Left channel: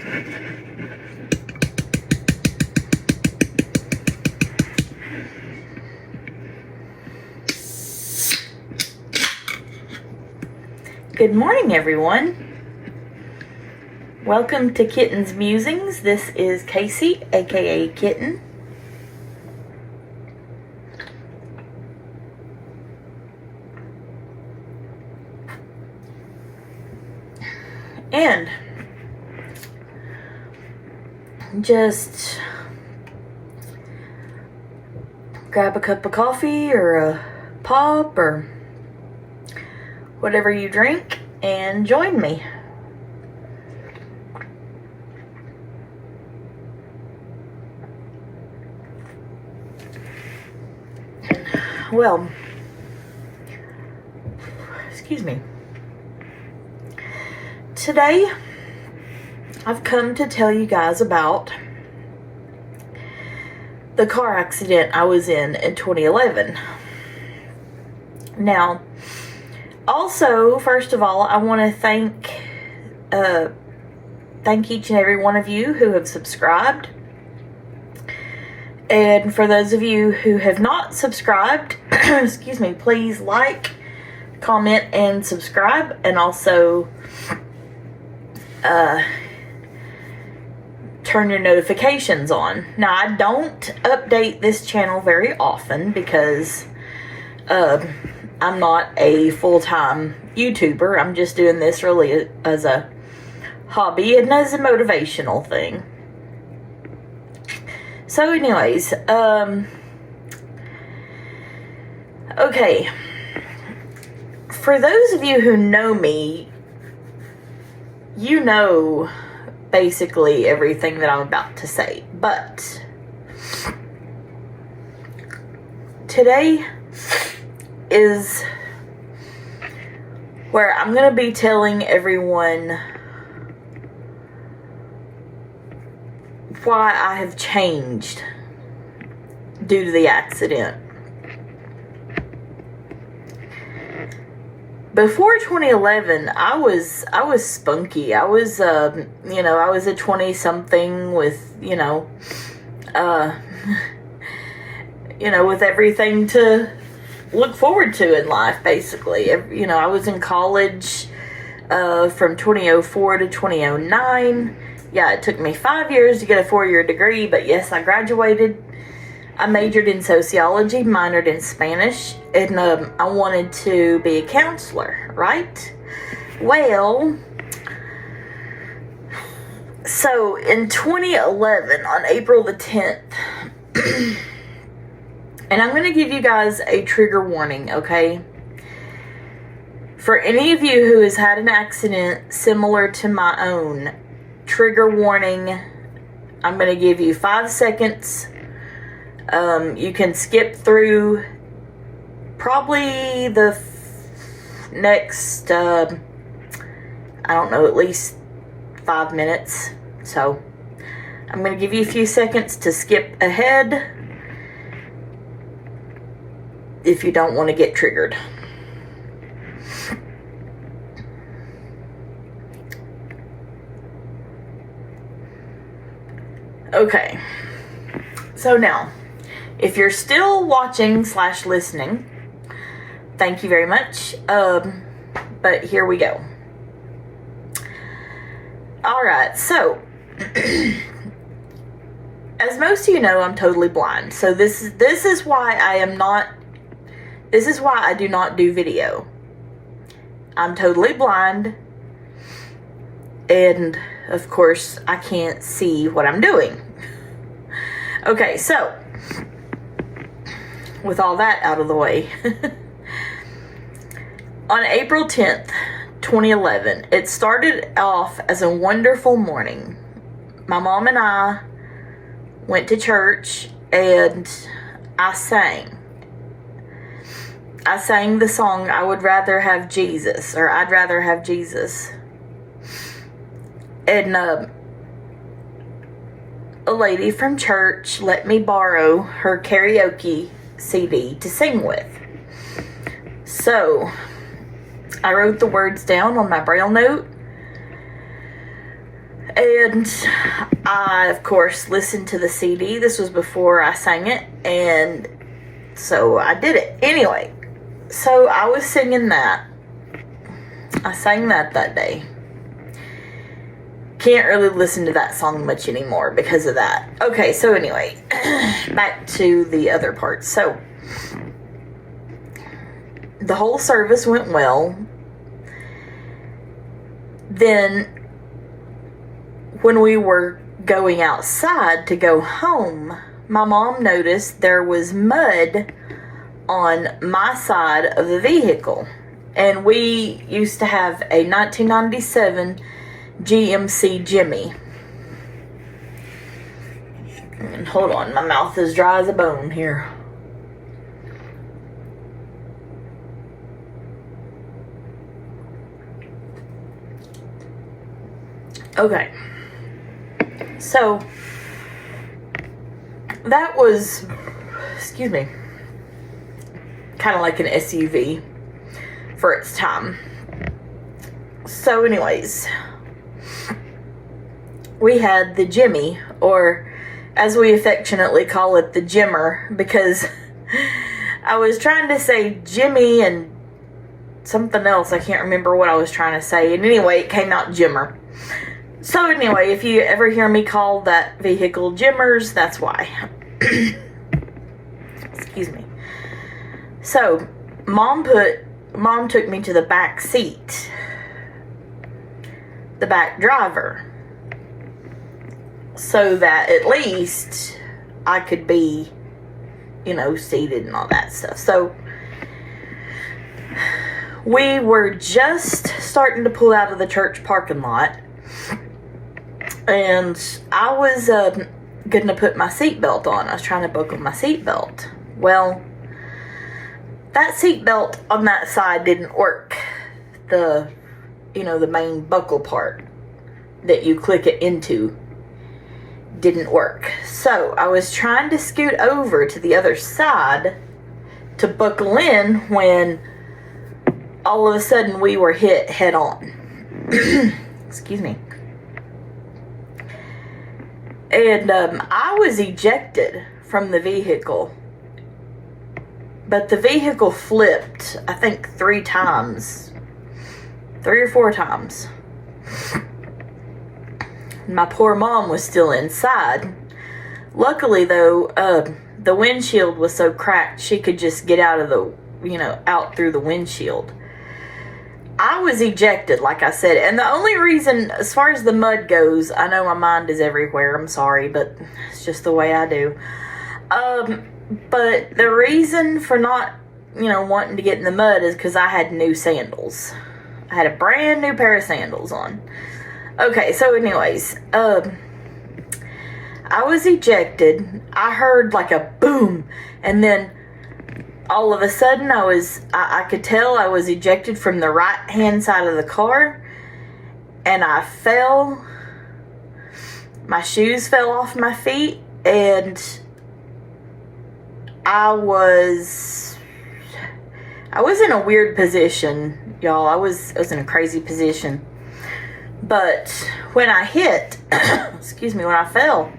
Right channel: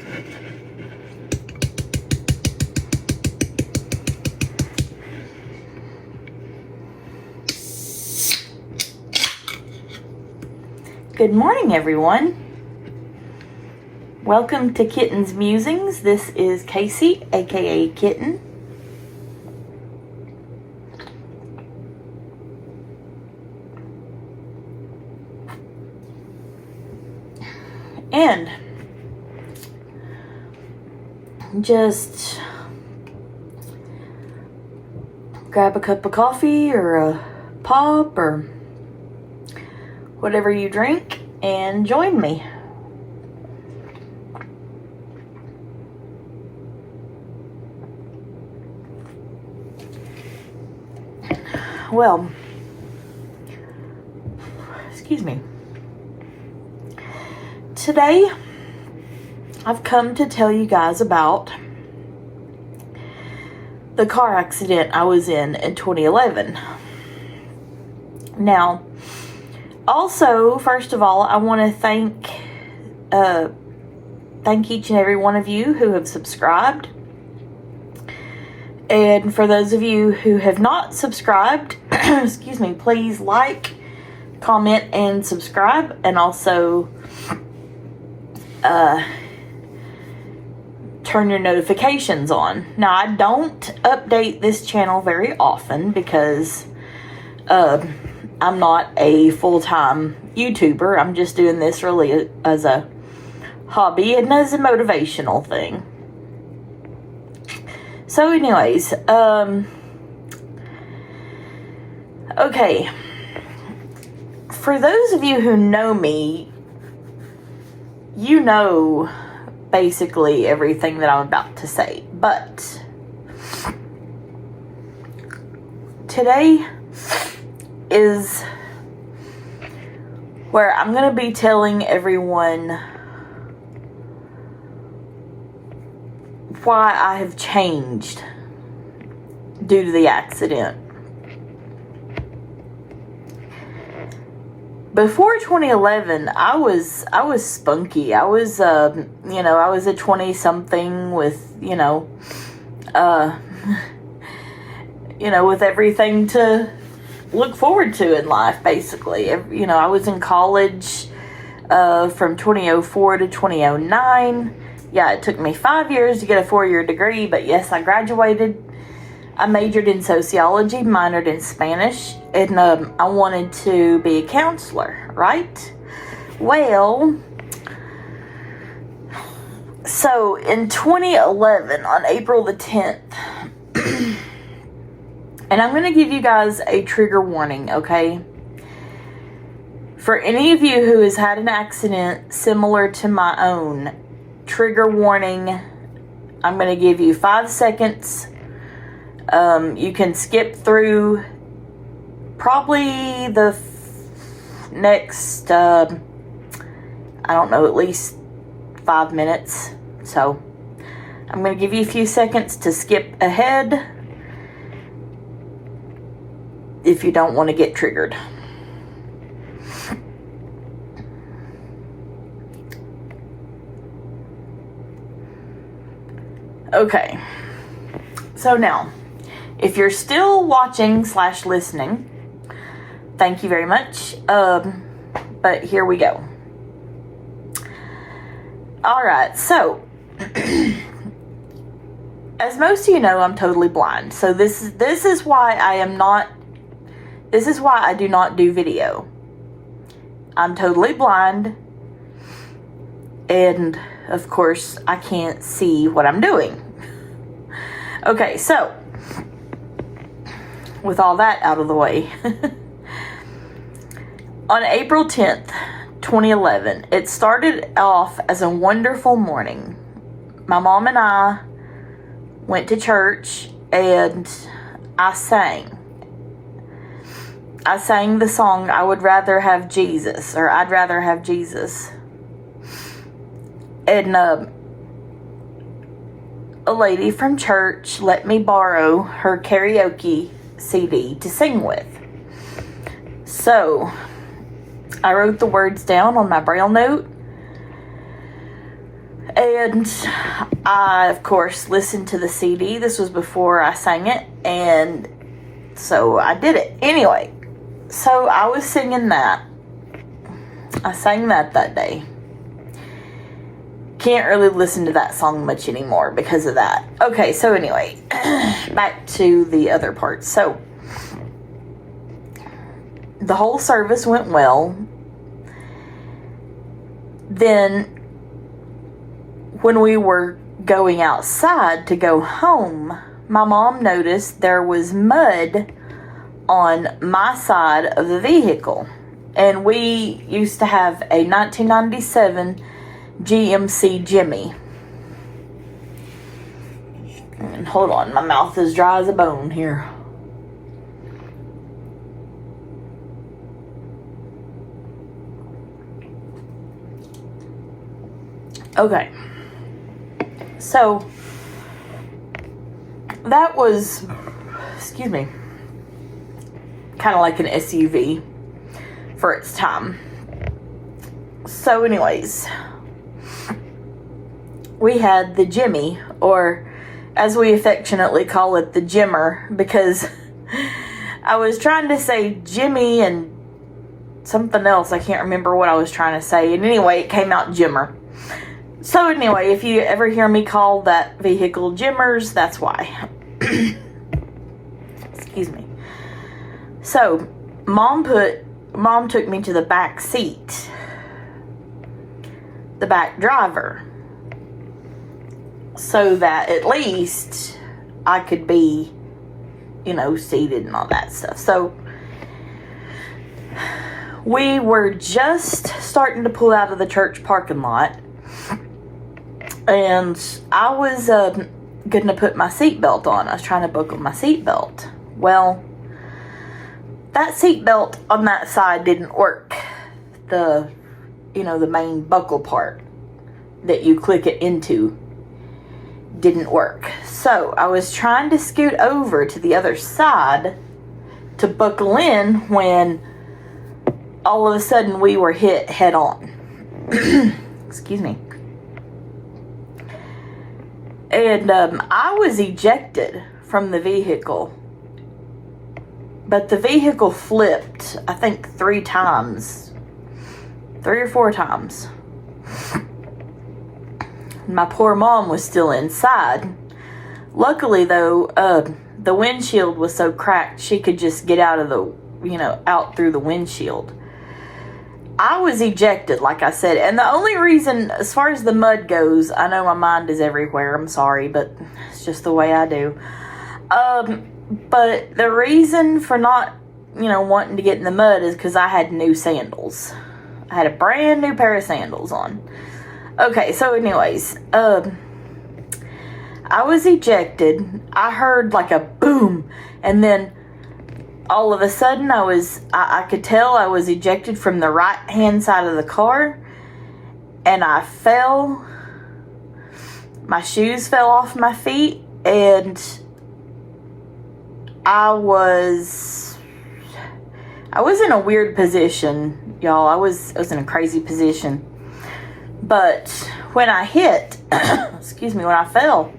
Good morning, everyone. Welcome to Kitten's Musings. This is Casey, aka Kitten. And just grab a cup of coffee or a pop or whatever you drink and join me. Well, excuse me. Today, I've come to tell you guys about the car accident I was in 2011. Now, also, first of all, I want to thank each and every one of you who have subscribed. And for those of you who have not subscribed, excuse me, please like, comment, and subscribe. And also turn your notifications on. Now, I don't update this channel very often because I'm not a full-time YouTuber. I'm just doing this really as a hobby and as a motivational thing. So anyways, okay. For those of you who know me, you know basically everything that I'm about to say. But today is where I'm going to be telling everyone why I have changed due to the accident. Before 2011, I was spunky. I was, I was a 20-something with, with everything to look forward to in life, basically. I was in college from 2004 to 2009. Yeah, it took me 5 years to get a 4-year degree, but yes, I graduated. I majored in sociology, minored in Spanish, and I wanted to be a counselor, right? Well, so in 2011, on April the 10th, and I'm going to give you guys a trigger warning, okay? For any of you who has had an accident similar to my own, trigger warning. I'm going to give you 5 seconds. You can skip through probably the next, I don't know, at least 5 minutes. So I'm going to give you a few seconds to skip ahead if you don't want to get triggered. Okay, so now, if you're still watching / listening, thank you very much, but here we go. Alright, so, as most of you know, I'm totally blind, so this is why I do not do video. I'm totally blind, and of course, I can't see what I'm doing. Okay, so, with all that out of the way, on April 10th, 2011, it started off as a wonderful morning. My mom and I went to church, and I sang. I sang the song, I Would Rather Have Jesus, or I'd Rather Have Jesus. And a lady from church let me borrow her karaoke CD to sing with. So, I wrote the words down on my Braille note. And I, of course, listened to the CD. This was before I sang it, and so I did it. Anyway, so I was singing that. I sang that day. Can't really listen to that song much anymore because of that. Okay, so anyway, back to the other part. So, the whole service went well. Then, when we were going outside to go home, my mom noticed there was mud on my side of the vehicle. And we used to have a 1997 GMC Jimmy. And hold on, my mouth is dry as a bone here. Okay. So, that was, excuse me, kind of like an SUV for its time. So anyways, we had the Jimmy, or as we affectionately call it, the Jimmer, because I was trying to say Jimmy and something else. I can't remember what I was trying to say. And anyway, it came out Jimmer. So anyway, if you ever hear me call that vehicle Jimmers, that's why. Excuse me. So, Mom took me to the back seat. The back driver. So that at least I could be, seated and all that stuff. So, we were just starting to pull out of the church parking lot. And I was going to put my seatbelt on. I was trying to buckle my seatbelt. Well, that seatbelt on that side didn't work. The main buckle part that you click it into didn't work. So I was trying to scoot over to the other side to buckle in when all of a sudden we were hit head on. Excuse me. And I was ejected from the vehicle. But the vehicle flipped, I think 3 or 4 times. My poor mom was still inside. Luckily, though, the windshield was so cracked, she could just get out of out through the windshield. I was ejected, like I said, and the only reason, as far as the mud goes, I know my mind is everywhere, I'm sorry, but it's just the way I do. But the reason for not, wanting to get in the mud is because I had new sandals. I had a brand new pair of sandals on. Okay, so anyways, I was ejected. I heard like a boom, and then all of a sudden I could tell I was ejected from the right hand side of the car, and I fell. My shoes fell off my feet, and I was in a weird position, y'all. I was in a crazy position. But when I hit, when I fell,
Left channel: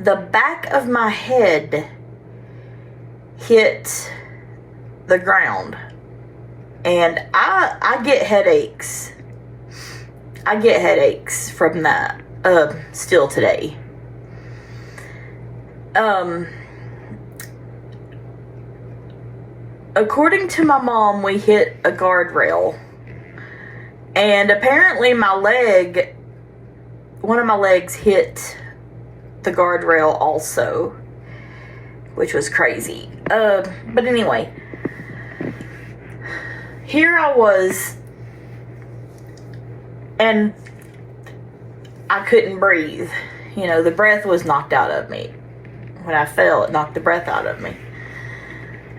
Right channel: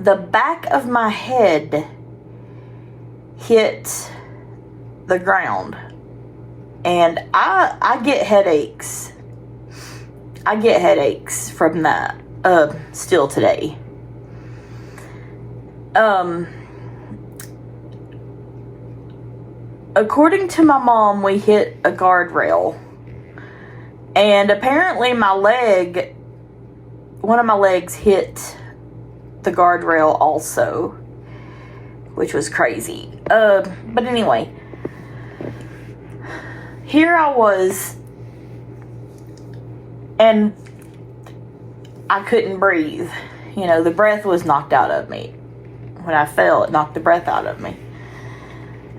the back of my head hit the ground. And I get headaches. I get headaches from that still today. According to my mom, we hit a guardrail. And apparently one of my legs hit the guardrail also, which was crazy. But anyway, here I was, and I couldn't breathe. The breath was knocked out of me. When I fell, it knocked the breath out of me.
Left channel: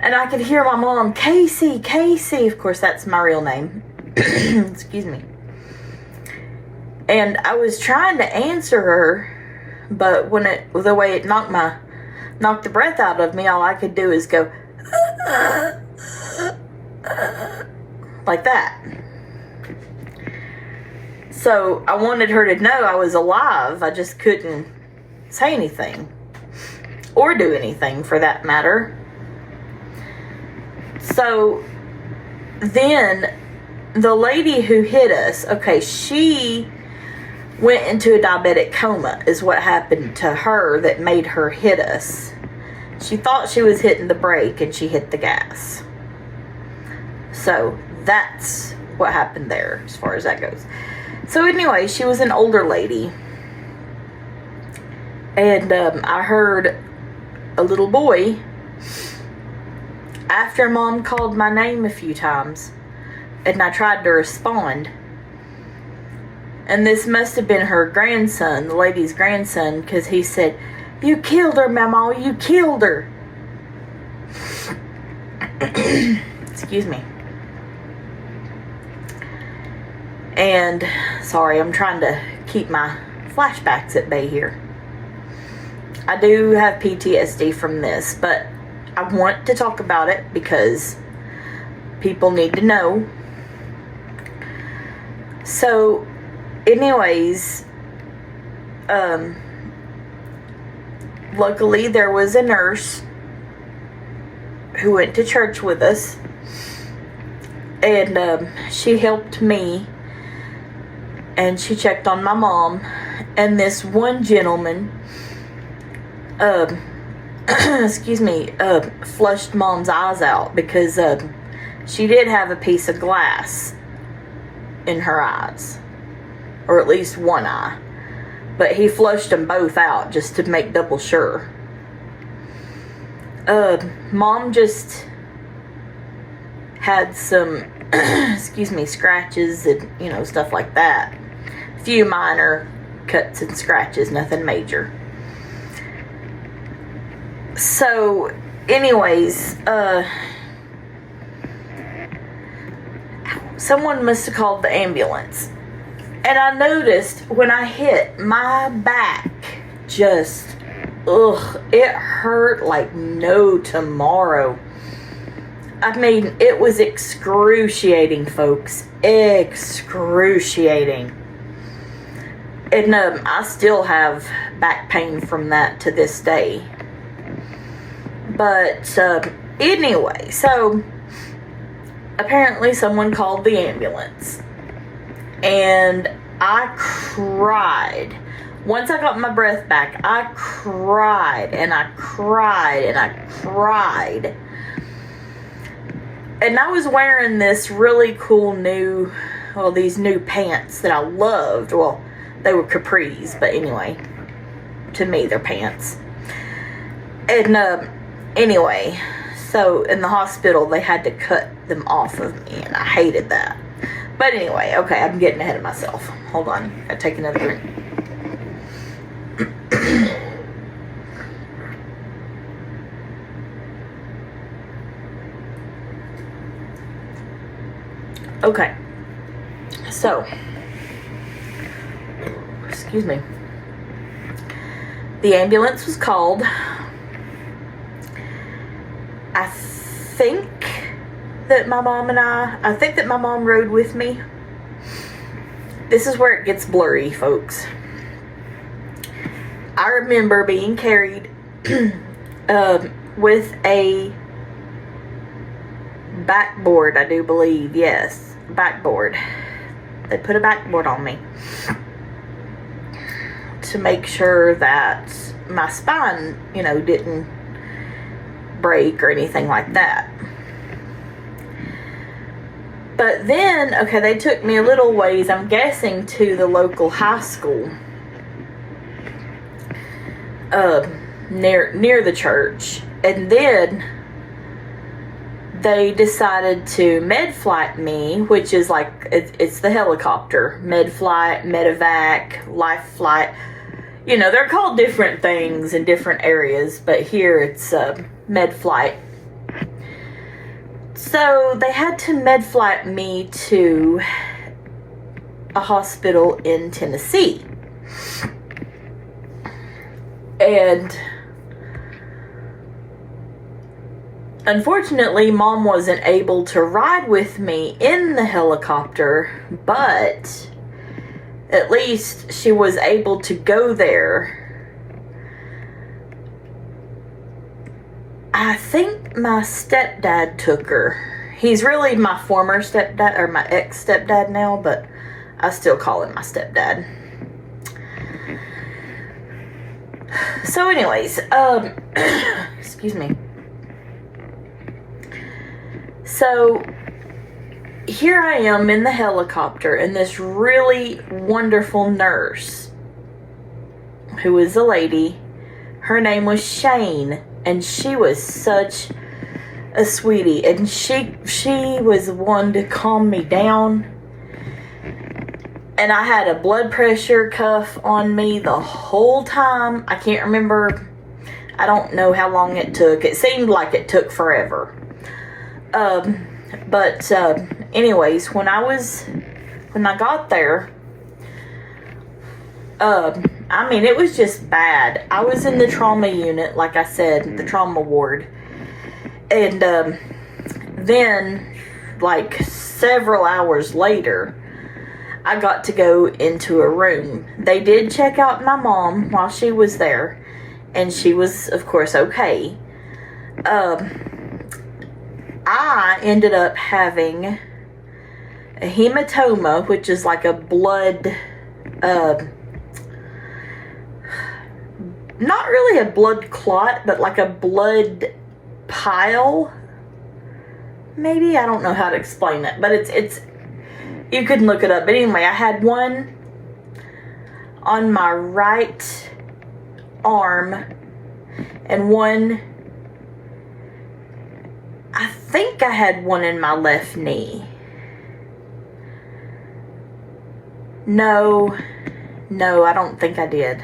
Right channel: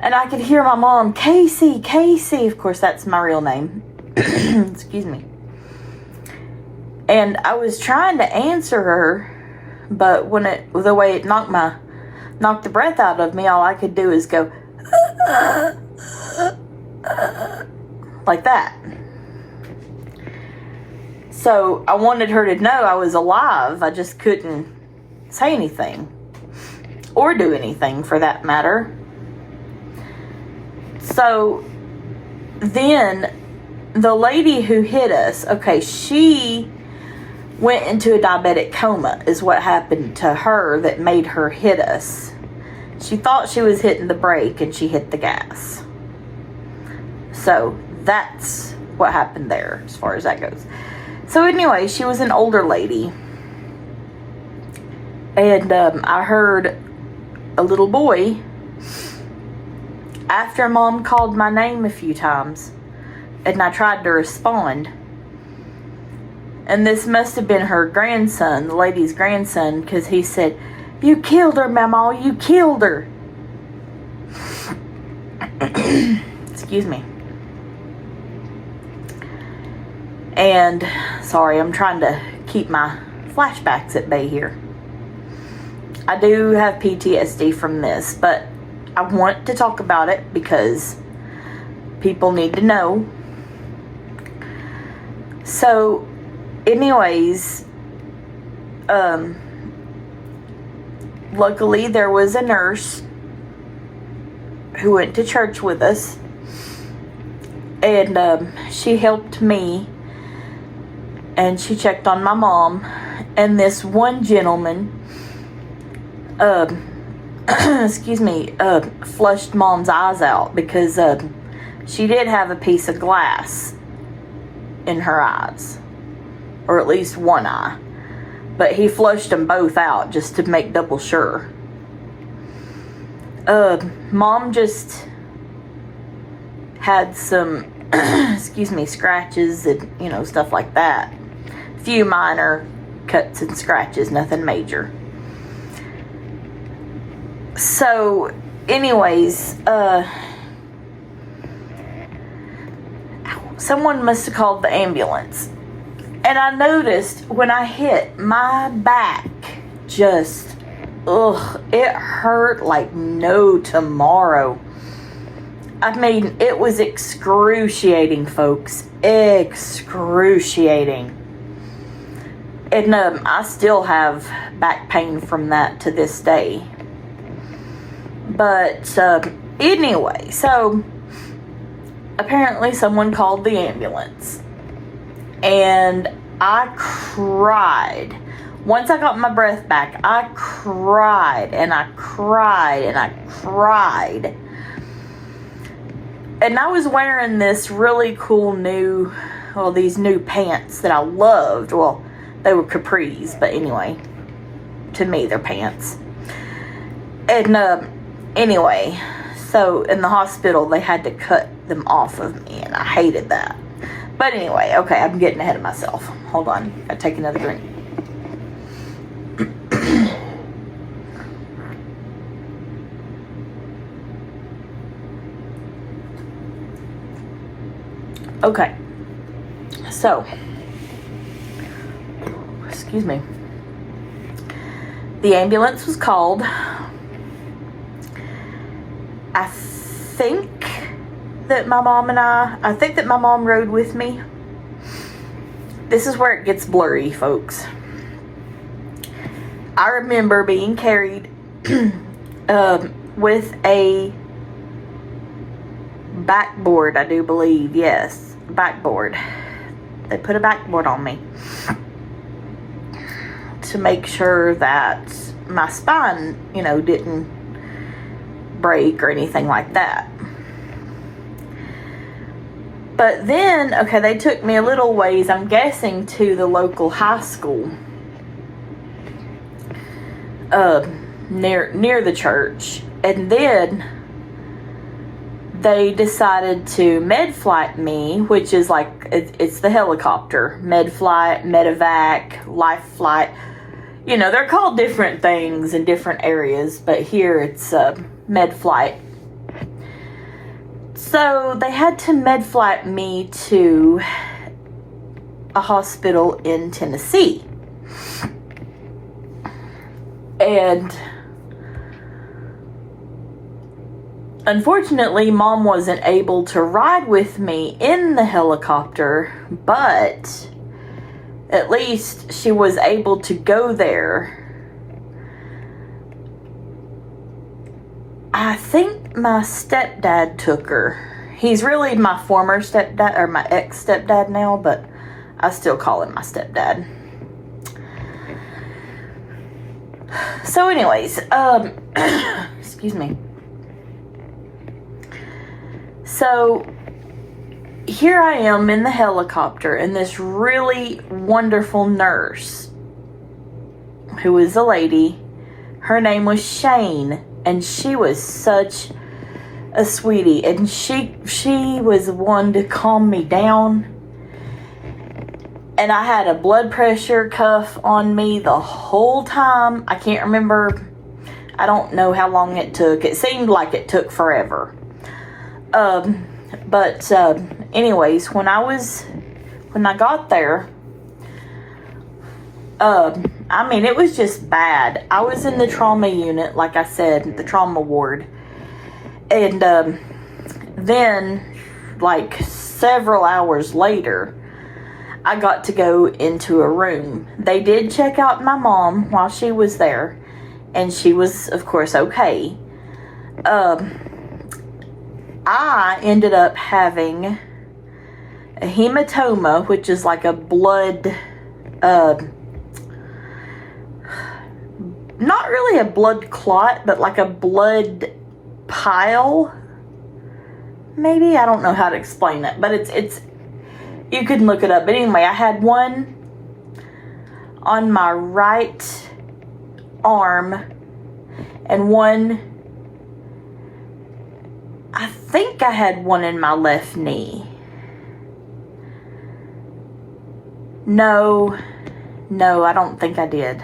And I could hear my mom, Casey, Casey. Of course, that's my real name. Excuse me. And I was trying to answer her, but the way it knocked the breath out of me, all I could do is go like that. So I wanted her to know I was alive. I just couldn't say anything. Or do anything, for that matter. So then the lady who hit us, okay, she went into a diabetic coma is what happened to her that made her hit us. She thought she was hitting the brake and she hit the gas. So that's what happened there as far as that goes. So anyway, she was an older lady. And I heard a little boy, after Mom called my name a few times, and I tried to respond. And this must have been her grandson, the lady's grandson, because he said, "You killed her, Mama, you killed her." Excuse me. And, sorry, I'm trying to keep my flashbacks at bay here. I do have PTSD from this, but I want to talk about it because people need to know. So, anyways, luckily there was a nurse who went to church with us, and she helped me, and she checked on my mom, and this one gentleman, excuse me, flushed Mom's eyes out because she did have a piece of glass in her eyes, or at least one eye, but he flushed them both out just to make double sure. Mom just had some excuse me, scratches and, you know, stuff like that. A few minor cuts and scratches, nothing major. So anyways, someone must have called the ambulance. And I noticed when I hit, my back just, it hurt like no tomorrow. I mean, it was excruciating, folks. Excruciating. And I still have back pain from that to this day. But anyway, so apparently someone called the ambulance. And I cried. Once I got my breath back, I cried and I cried and I cried. And I was wearing this really cool these new pants that I loved. Well, they were capris, but anyway, to me, they're pants. And anyway, so in the hospital, they had to cut them off of me, and I hated that. But anyway, okay, I'm getting ahead of myself. Hold on, I'll take another drink. Okay, so, excuse me. The ambulance was called. I think that my mom rode with me. This is where it gets blurry, folks. I remember being carried with a backboard, I do believe. Yes, backboard. They put a backboard on me to make sure that my spine, you know, didn't break or anything like that. But then, okay, they took me a little ways, I'm guessing, to the local high school near the church. And then they decided to med-flight me, which is like, it's the helicopter. Med-flight, medevac, life flight. You know, they're called different things in different areas, but here it's med-flight. So they had to med-flight me to a hospital in Tennessee. And unfortunately, Mom wasn't able to ride with me in the helicopter, but at least she was able to go there. I think my stepdad took her. He's really my former stepdad, or my ex-stepdad now, but I still call him my stepdad. So anyways, excuse me. So here I am in the helicopter, and this really wonderful nurse, who is a lady, her name was Shane, and she was such a sweetie, and she was one to calm me down. And I had a blood pressure cuff on me the whole time. I can't remember. I don't know how long it took. It seemed like it took forever. But anyways, when I got there, I mean, it was just bad. I was in the trauma unit, like I said, the trauma ward. And then, like several hours later, I got to go into a room. They did check out my mom while she was there, and she was, of course, okay. I ended up having a hematoma, which is like a blood, not really a blood clot, but like a blood pile. Maybe, I don't know how to explain it, but it's you can look it up. But anyway, I had one on my right arm and one, I think I had one in my left knee. No, I don't think I did.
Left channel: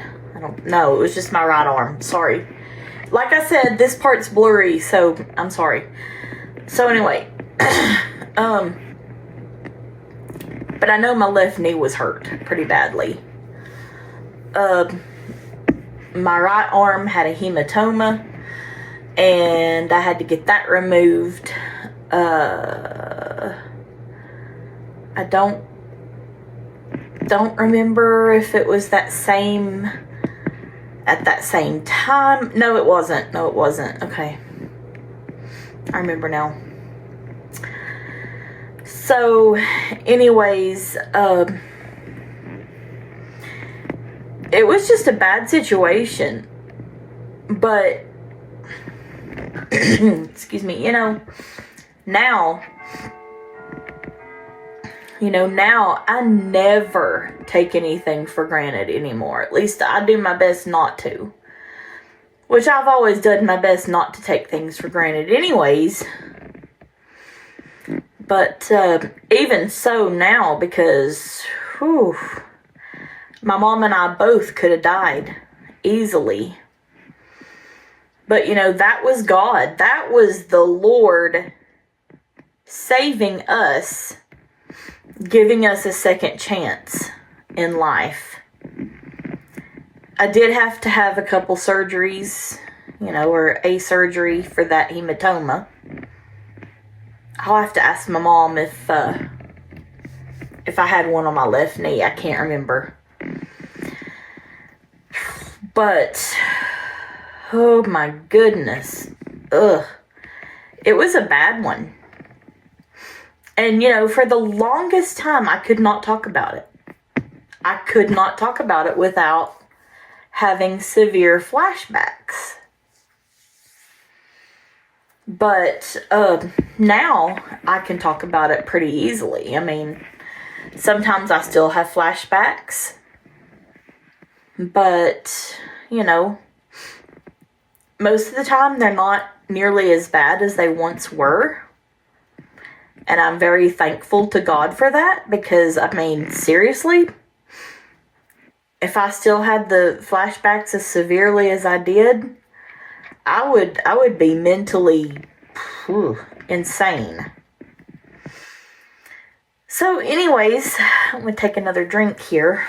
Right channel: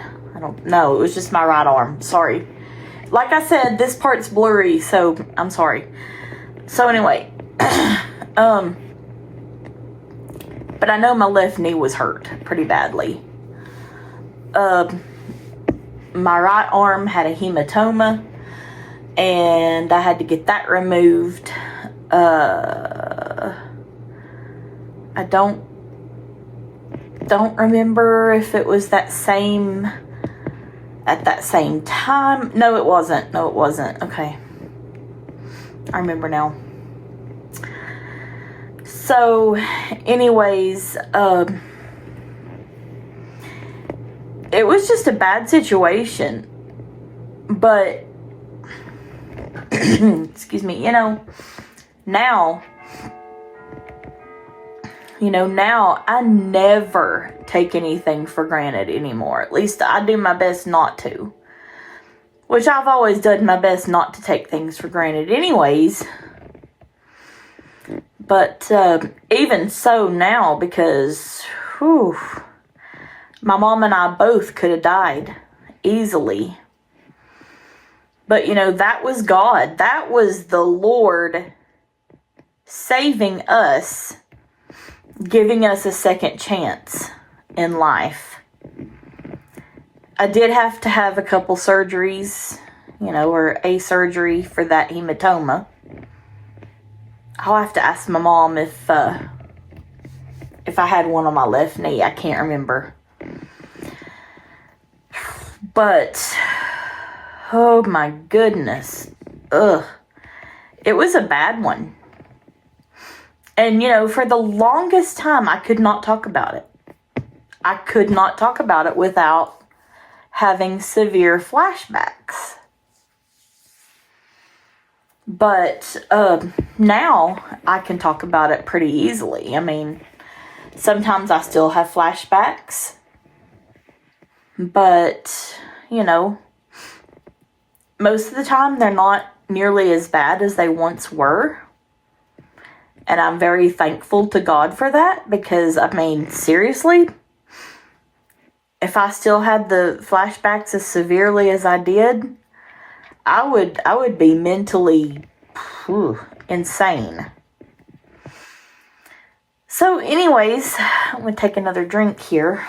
No, it was just my right arm. Sorry. Like I said, this part's blurry, so I'm sorry. So anyway, but I know my left knee was hurt pretty badly. My right arm had a hematoma, and I had to get that removed. I don't remember if it was at that same time. No, it wasn't. Okay. I remember now. So, anyways, it was just a bad situation. But, excuse me, now I never take anything for granted anymore. At least I do my best not to. Which I've always done my best not to take things for granted anyways. But even so now, because my mom and I both could have died easily. But, that was God. That was the Lord saving us, giving us a second chance in life. I did have to have a couple surgeries, or a surgery for that hematoma. I'll have to ask my mom if I had one on my left knee. I can't remember. But, oh my goodness. Ugh. It was a bad one. And, for the longest time, I could not talk about it. I could not talk about it without having severe flashbacks. But now I can talk about it pretty easily. I mean, sometimes I still have flashbacks. But, most of the time they're not nearly as bad as they once were. And I'm very thankful to God for that, because, I mean, seriously, if I still had the flashbacks as severely as I did, I would be mentally insane. So anyways, I'm going to take another drink here.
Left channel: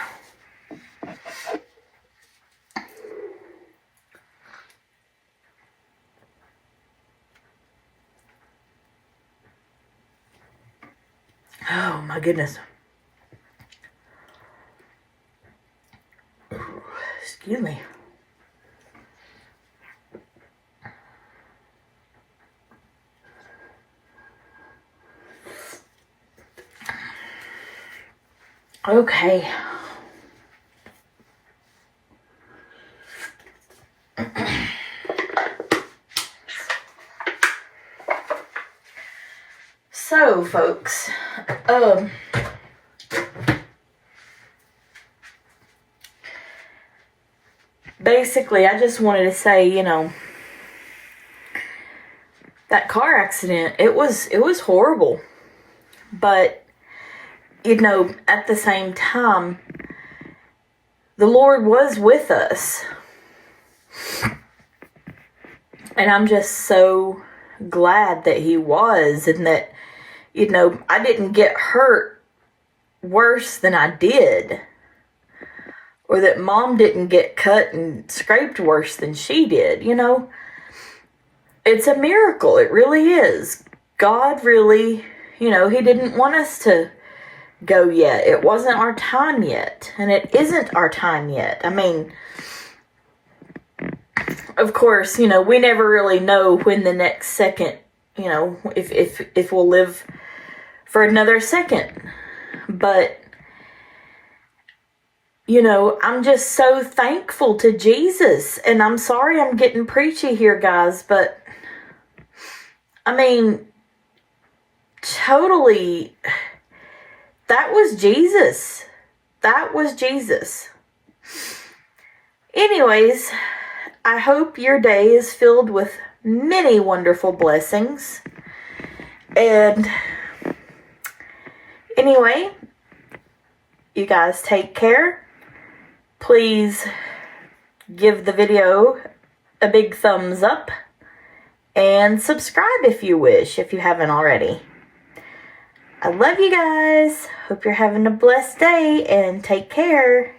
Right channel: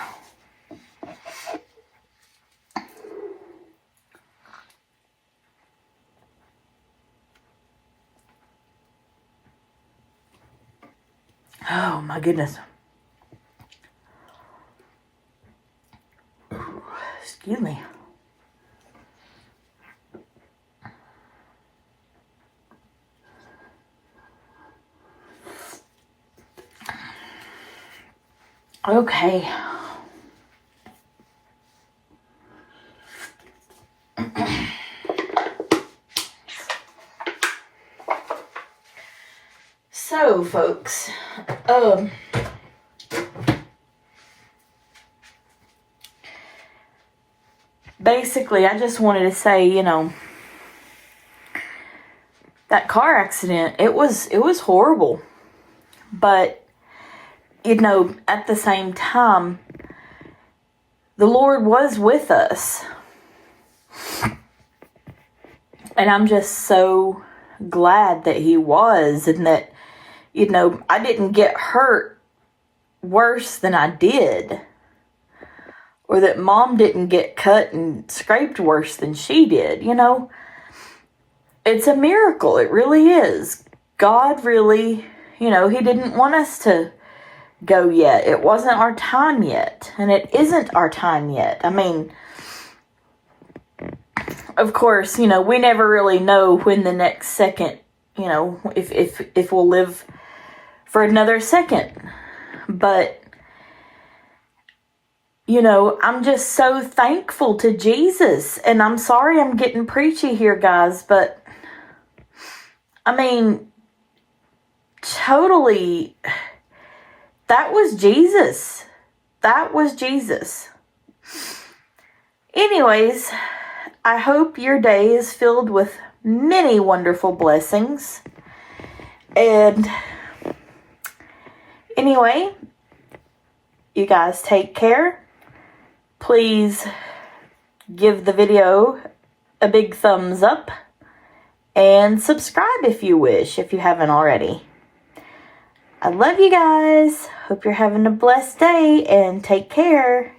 Oh my goodness. Excuse me. Okay. So, folks, basically, I just wanted to say, you know, that car accident, it was horrible. But, you know, at the same time, the Lord was with us. And I'm just so glad that He was, and that, you know, I didn't get hurt worse than I did. Or that Mom didn't get cut and scraped worse than she did, you know. It's a miracle. It really is. God really, you know, He didn't want us to go yet. It wasn't our time yet. And it isn't our time yet. I mean, of course, you know, we never really know when the next second, you know, if we'll live for another second. But, you know, I'm just so thankful to Jesus. And I'm sorry I'm getting preachy here, guys, but I mean, totally, that was Jesus. That was Jesus. Anyways, I hope your day is filled with many wonderful blessings. And anyway, you guys take care. Please give the video a big thumbs up and subscribe if you wish, if you haven't already. I love you guys. Hope you're having a blessed day and take care.